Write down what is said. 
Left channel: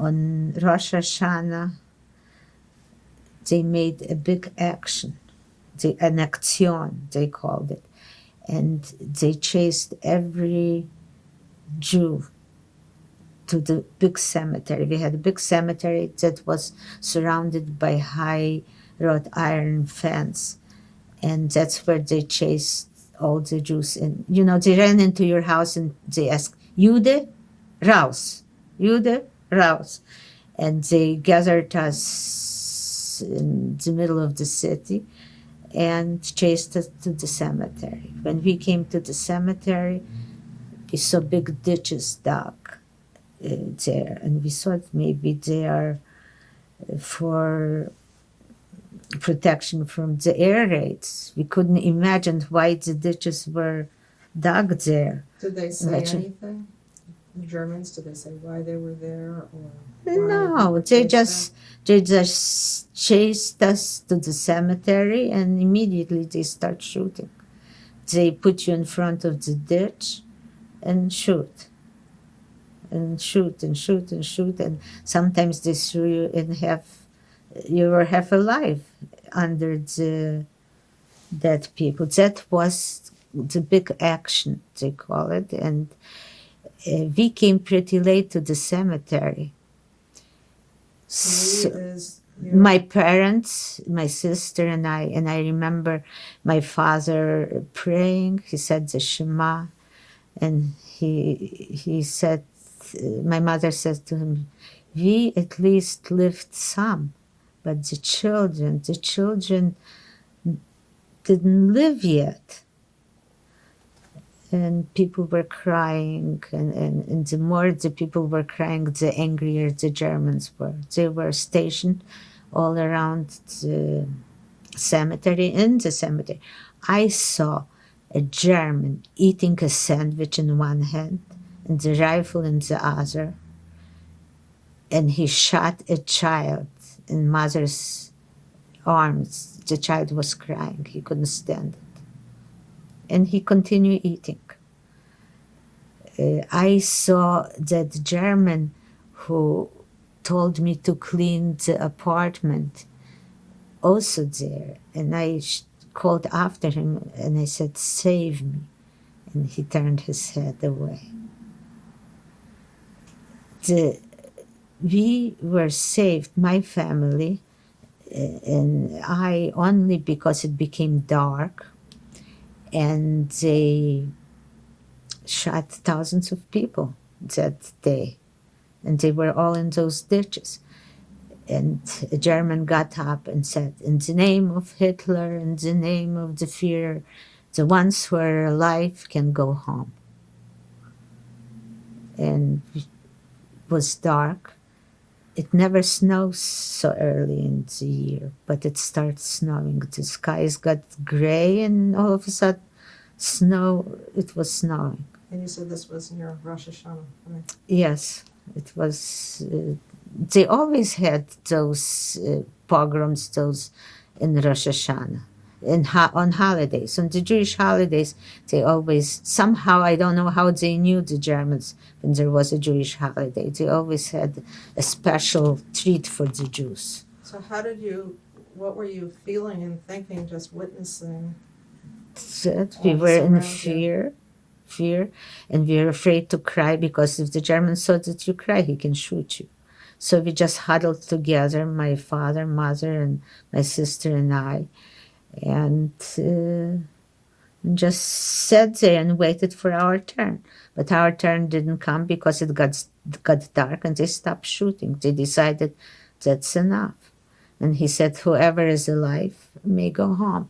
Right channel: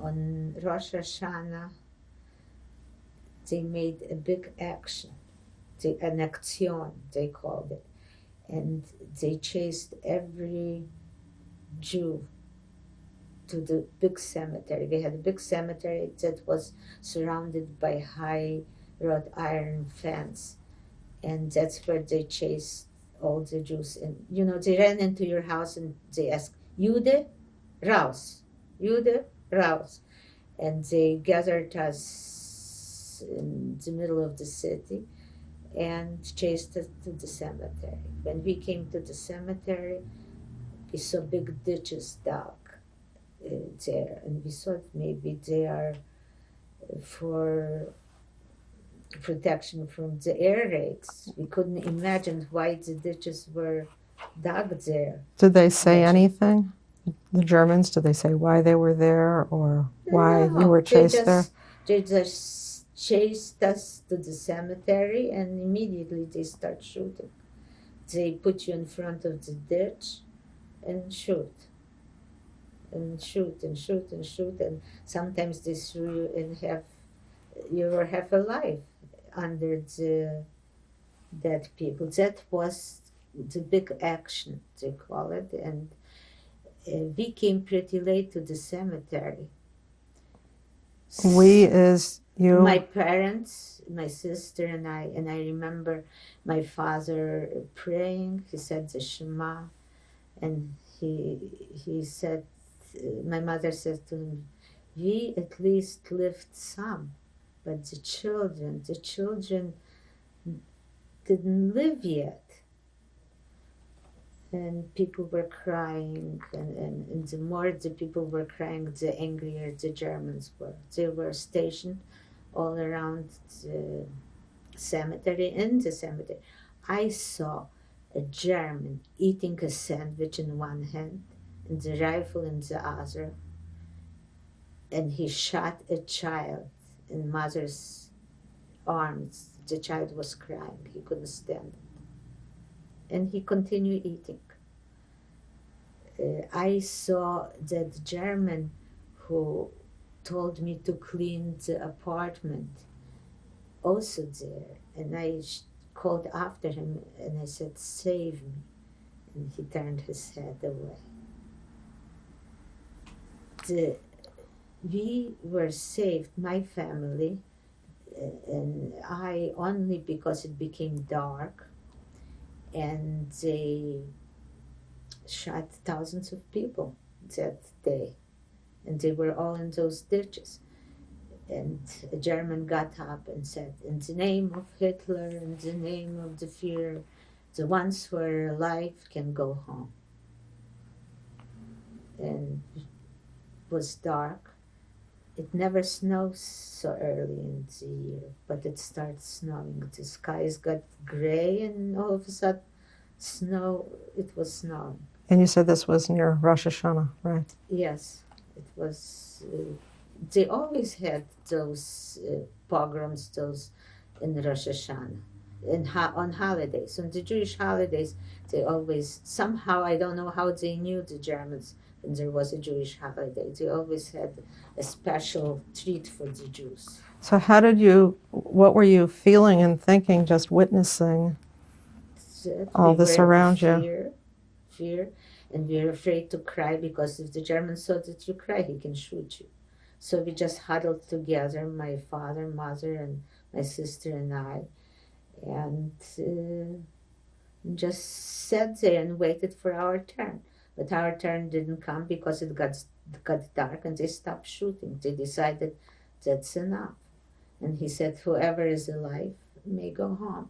on Rosh Hashanah, they made a big action, an action, they called it. And they chased every Jew to the big cemetery. We had a big cemetery that was surrounded by high wrought iron fence. And that's where they chased all the Jews. And, you know, they ran into your house and they asked, Jude, raus. Jude, raus. And they gathered us in the middle of the city and chased us to the cemetery. When we came to the cemetery, we saw big ditches dug there. And we thought maybe they are for protection from the air raids. We couldn't imagine why the ditches were dug there. Did they say anything? The Germans, did they say why they were there or why we were chased there? They just chased us to the cemetery and immediately they start shooting. They put you in front of the ditch and shoot. And shoot and shoot and shoot. And sometimes they threw you in half, you were half alive under the dead people. That was the big action, they call it. And we came pretty late to the cemetery. We is you? My parents, my sister and I remember my father praying. He said the Shema, and he said, my mother said to him, we at least lived some, but the children didn't live yet. And people were crying, and the more the people were crying, the angrier the Germans were. They were stationed all around the cemetery. In the cemetery, I saw a German eating a sandwich in one hand and the rifle in the other, and he shot a child in mother's arms. The child was crying. He couldn't stand it. And he continued eating. I saw that German who told me to clean the apartment also there. And I called after him and I said, save me. And he turned his head away. We were saved, my family, and I, only because it became dark. And they shot thousands of people that day. And they were all in those ditches. And a German got up and said, in the name of Hitler, in the name of the Führer, the ones who are alive can go home. And it was dark. It never snows so early in the year, but it starts snowing. The skies got gray, and all of a sudden, it was snowing. And you said this was near Rosh Hashanah, right? Yes, it was. They always had those pogroms, those in Rosh Hashanah, on holidays. On the Jewish holidays, they always, somehow, I don't know how they knew, the Germans, when there was a Jewish holiday. They always had a special treat for the Jews. So what were you feeling and thinking, just witnessing all this around you? Fear, and we were afraid to cry, because if the German saw that you cry, he can shoot you. So we just huddled together, my father, mother, and my sister and I, and just sat there and waited for our turn. But our turn didn't come because it got dark and they stopped shooting. They decided that's enough. And he said, whoever is alive may go home.